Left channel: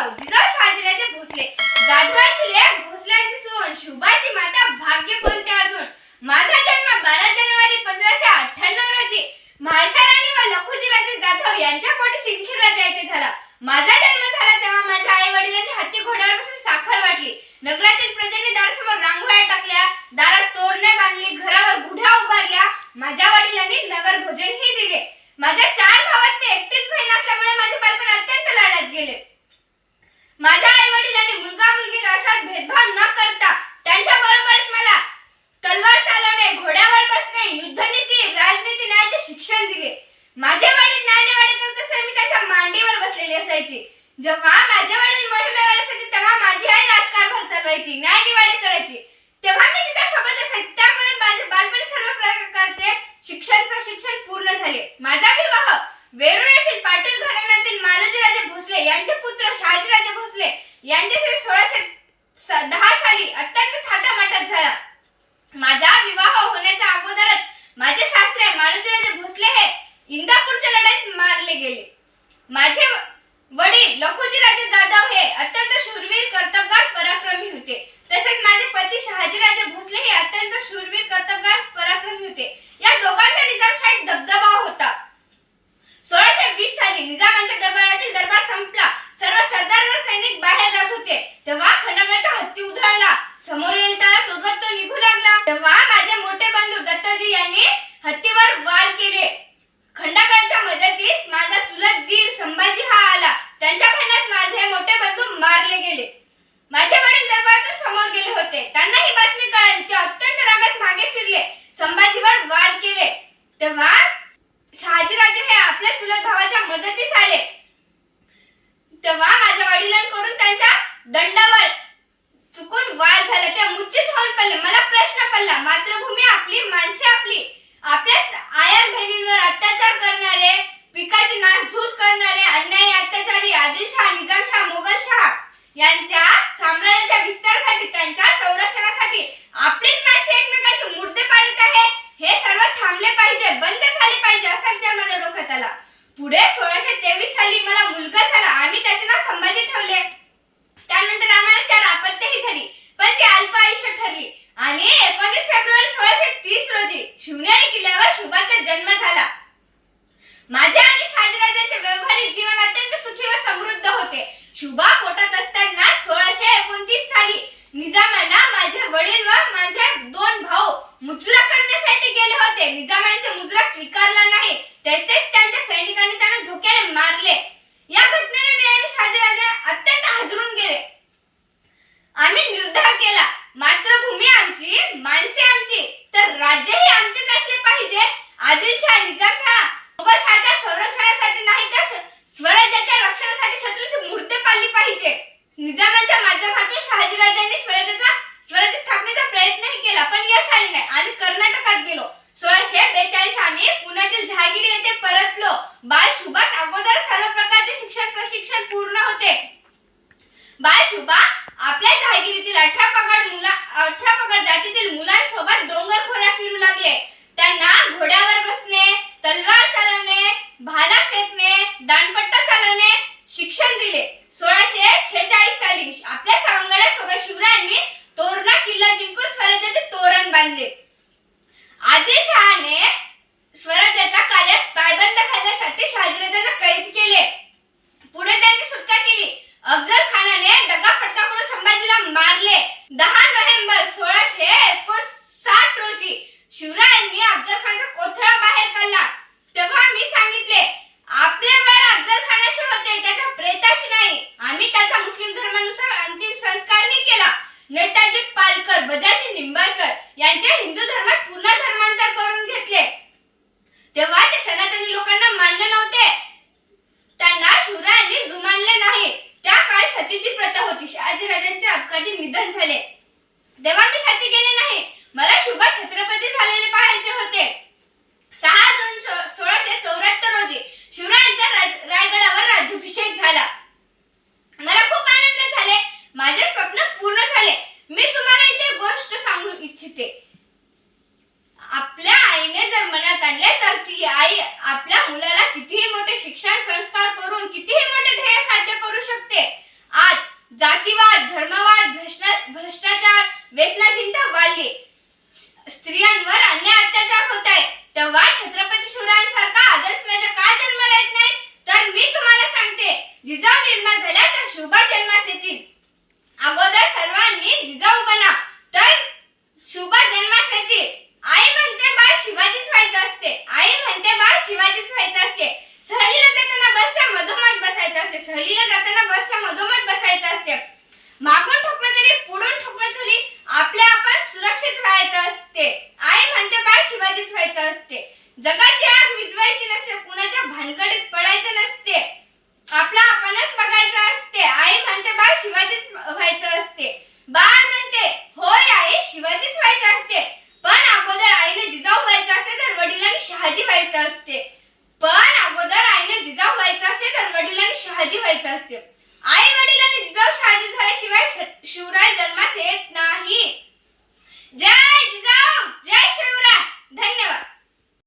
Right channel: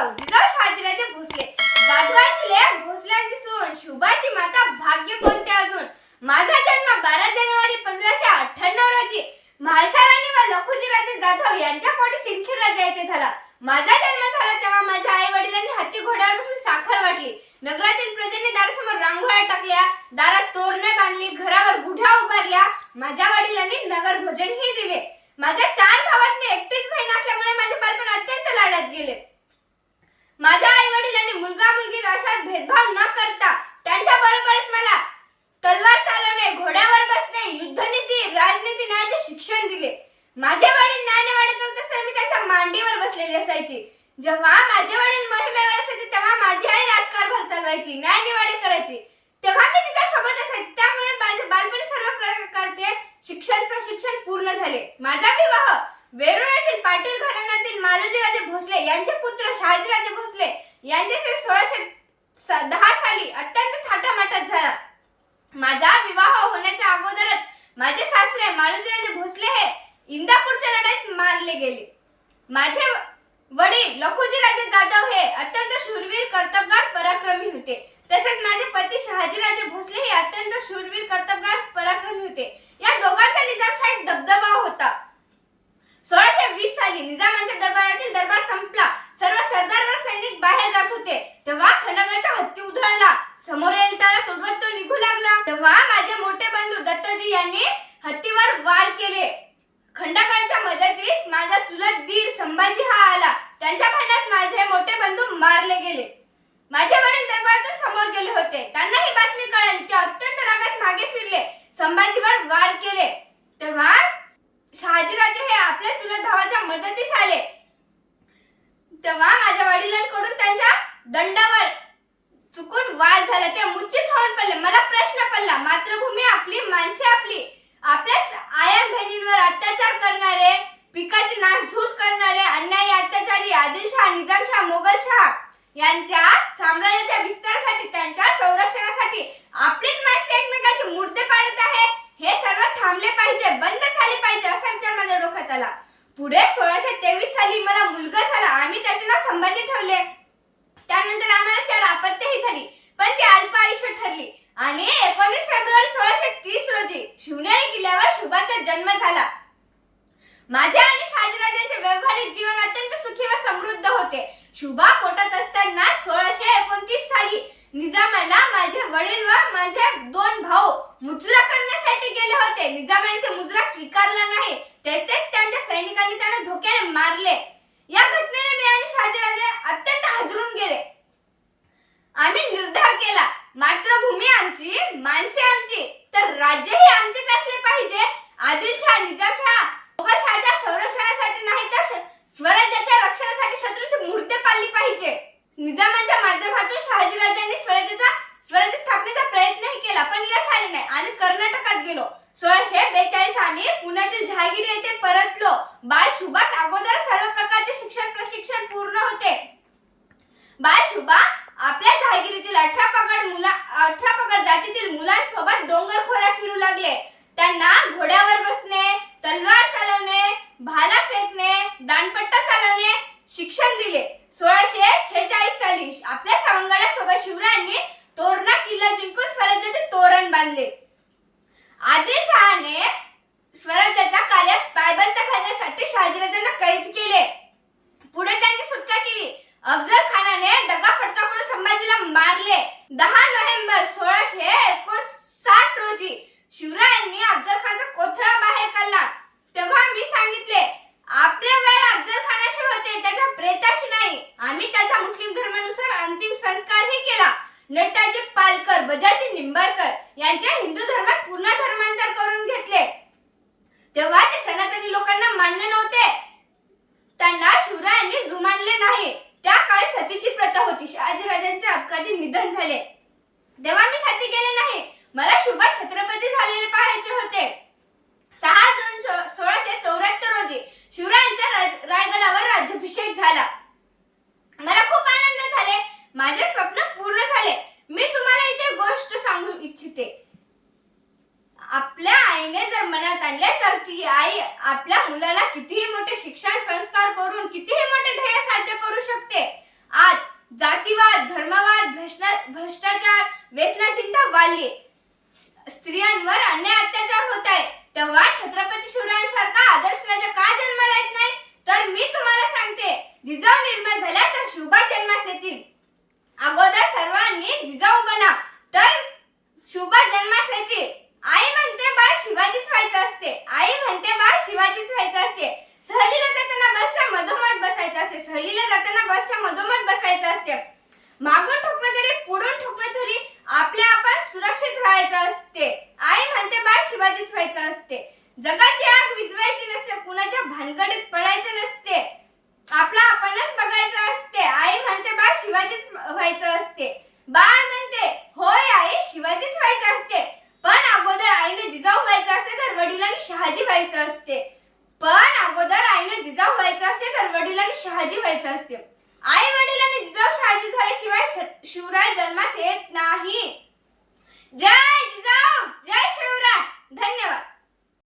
जिजाऊ शहाजीराजे भोसले, जाधवाची लेक भोसल्यांची सून, शुभाची माता भाग्य कोणते अजून. माझा जन्म 12 जानेवारी 1598 रोजी म्हाळसाराणी व लखुजीराजे जाधव यांच्या पोटी सिंदखेड राजा येथे झाला. माझा जन्म झाला तेव्हा माझ्या आई वडिलांनी हत्ती घोड्यावर बसून साखर वाटली. नगरातील प्रजेने दारासमोर रांगोळ्या टाकल्या, दारात तोरणे बांधली, घरावर गुढ्या उभारल्या. माझ्या वडिलांनी नगर भोजनही दिले. माझ्या 4 भावात मी एकटीच बहीण असल्यामुळे माझे बालपण अत्यंत लाडात गेले. माझ्या आई वडिलांनी मुलगा मुलगी अशात भेदभाव न करता त्यांच्या बरोबरच मला तलवार चालवणे, घोड्यावर बसणे, युद्धनीती, राजनीती, न्यायाचे शिक्षण दिले. माझे वडील न्यायनिवाडे करत असताना मी त्यांच्या मांडीवर बसलेली असायची. जेव्हा माझे वडील मोहिमेवर असायचे तेव्हा माझी आई राजकारभार चालवायची, न्यायनिवाडे करायची, तेव्हा मी तिच्या सोबत असायची. त्यामुळे माझे बालपणी सर्व प्रकारचे प्रशिक्षण पूर्ण झाले. माझा विवाह वेरूळ येथील पाटील घराण्यातील मालोजीराजे भोसले यांचे पुत्र शहाजीराजे भोसले यांच्याशी 1610 साली अत्यंत थाटामाटात झाला. माझा विवाह होण्याच्या अगोदरच माझे सासरे मालोजीराजे भोसले हे इंदापूरच्या लढाईत मारले गेले. माझे वडील लखुजीराजे जाधव हे अत्यंत शूरवीर, कर्तबगार, पराक्रमी होते. तसेच माझे पती शहाजीराजे भोसले हे अत्यंत शूरवीर, कर्तबगार, पराक्रमी होते. या दोघांचा निजामशाहीत दबदबा होता. 1620 साली निजामाच्या दरबारातील दरबार संपला. सर्व सरदार व सैनिक बाहेर जात होते. तेव्हा खंडगडचा हत्ती उधळला. समोर येईल त्याला तुडवत तो निघू लागला. तेव्हा माझे मोठे बंधू दत्तजी यांनी हत्तीवर वार केले. खंडगडच्या मदतीस माझा चुलत दीर संभाजी हा आला. त्यांच्या भांडणात माझे मोठे बंधू मारले गेले. माझे वडील दरबारातून समोर गेले होते. त्यांना ही बातमी कळाली. ते अत्यंत रागात मागे फिरले, संभाजीवर वार केले. तेव्हा शहाजीराजे हे आपल्या चुलत भावाच्या मदतीस आले. तेव्हा माझ्या वडिलांकडून त्यांच्या दंडावर चुकून वार झाला. ते मूर्छित होऊन पडले. मला प्रश्न पडला, मातृभूमी आपली, माणसे आपली, आपल्या आयन बहिणींवर अत्याचार करणारे, पिकाची नासधूस करणारे, अन्यायी अत्याचारी आदिलशाह, निजामशाह, मोगलशाह यांच्या साम्राज्याच्या विस्तारासाठी, त्यांच्या संरक्षणासाठी आपलीच माणसे एकमेकांचे मुर्दे पाडत आहेत. हे सर्व थांबले पाहिजे, बंद झाले पाहिजे असा विचार माझ्या डोक्यात आला. पुढे 1623 साली मला मुलगा झाला. आम्ही त्याचे नाव संभाजी ठेवले. त्यानंतर आम्हाला 4 अपत्यही झाली, पण ती अल्प आयुष्य ठरली. आणि 19 फेब्रुवारी 1630 रोजी शिवनेरी किल्ल्यावर शुभाचा जन्म झाला. माझे आणि शहाजीराजांचे व्यावहारिक जीवन अत्यंत सुखी व समृद्ध होते. शुभा पोटात असताना 1629 साली निजामाला माझे वडील व माझे 2 भाऊ मुजरा करण्यासाठी गेले होते. निजामाने ते मुजरा स्वीकारला नाही. तेथेच त्यांच्या सैनिकांनी त्यांना धोक्याने मारले. या घटनेने मी आणि शहाजीराजे अत्यंत हादरून गेले. आम्ही निर्धार केला, मातृभूमी आमची, माणसे आमची, तर राज्यही आमचेच असले पाहिजे. आदिलशाह, निजामशाह, मोगलशाहच्या संरक्षणासाठी नाही तर स्वराज्याच्या रक्षणासाठी शत्रूची मूर्ती पाळली पाहिजे. निजामाच्या माध्यमातून शहाजीराजांनी स्वराज्य स्थापनेचा प्रयत्नही केला, पण यश आले नाही. आम्ही कर्नाटकात गेलो. 1642 आम्ही पुण्यातील जहागिरी येथे परतलो. बाल शुभास अगोदर सर्व प्रकारचे प्रशिक्षण पूर्ण होते. बाल शुभा आपल्या जहागिरीतील 18 पगड जातीतील मुलांसोबत डोंगर खोऱ्या फिरू लागले. त्यांना घोड्यावर बसणे, तलवार चालवणे, भाला फेकणे, दानपट्टा चालवणे शिक्षण दिले. 1646 साली आपल्या सवंगड्यासोबत शिवरायांनी तोरणा किल्ला जिंकून स्वराज्याचे तोरण बांधले. आदिलशहाने स्वराज्याच्या कार्यास पायबंद घालण्यासाठी शहाजीराजांना कैद केले. पुढे त्यांची सुटका केली. अफजल खानाने दगाफटका करून संभाजीला मारले. 10 नोव्हेंबर 1659 रोजी शिवरायांनी अफजल खानाचा कोथळा बाहेर काढला. तेव्हा मी सांगितले, आपले वैर अफजल खानाशी होते, त्याच्या प्रेताशी नाही. आम्ही त्याचा मुस्लिम धर्मानुसार अंतिम संस्कारही केला. नेताजी पालकर, बजाजी निंबाळकर यांचे हिंदू धर्मात पूर्ण धर्मांतर करून घेतले. तेव्हा ते सनातनी लोकांना मान्य नव्हते. त्यांना शिवरायांनी जुमानले नाही. त्या काळी सतीची प्रथा होती. शहाजीराजांचे अपघाती निधन झाले तेव्हा मी सती गेले नाही. मला शुभा छत्रपती झालेले पाहायचे होते. 6 जून 1674 रोजी शिवरायांच्या रायगडावर राज्याभिषेक झाला. मला खूप आनंद झाले. माझे स्वप्न पूर्ण झाले. मी तुम्हाला इथे गोष्ट सांगू इच्छिते. असते. सहलीला जाताना बसच्या मधोमध बसायचं असते. मागून ठोकलं तरी पुढून ठोकलं तरी आपल्या आपण सुरक्षित राहायचं असते. आई म्हणते बाळ शिवाजीच व्हायचं असते. जगाची आग विझवायची नसते, कुणाच्या भानगडीत पडायचं नसते, आपला आपणच बघायचं असते. आई म्हणते बाळ शिवाजीच व्हायचं असते. बाळ म्हणते होय आई शिवाजीच व्हायचं असते, पण अगोदर आईने जिजाऊ व्हायचं असते तर वडिलांनी शहाजी व्हायचं असते. पण अगोदर आईने जिजाऊ व्हायचं असते तर वडिलांनी शहाजी व्हायचं असते. आई वडिलांनी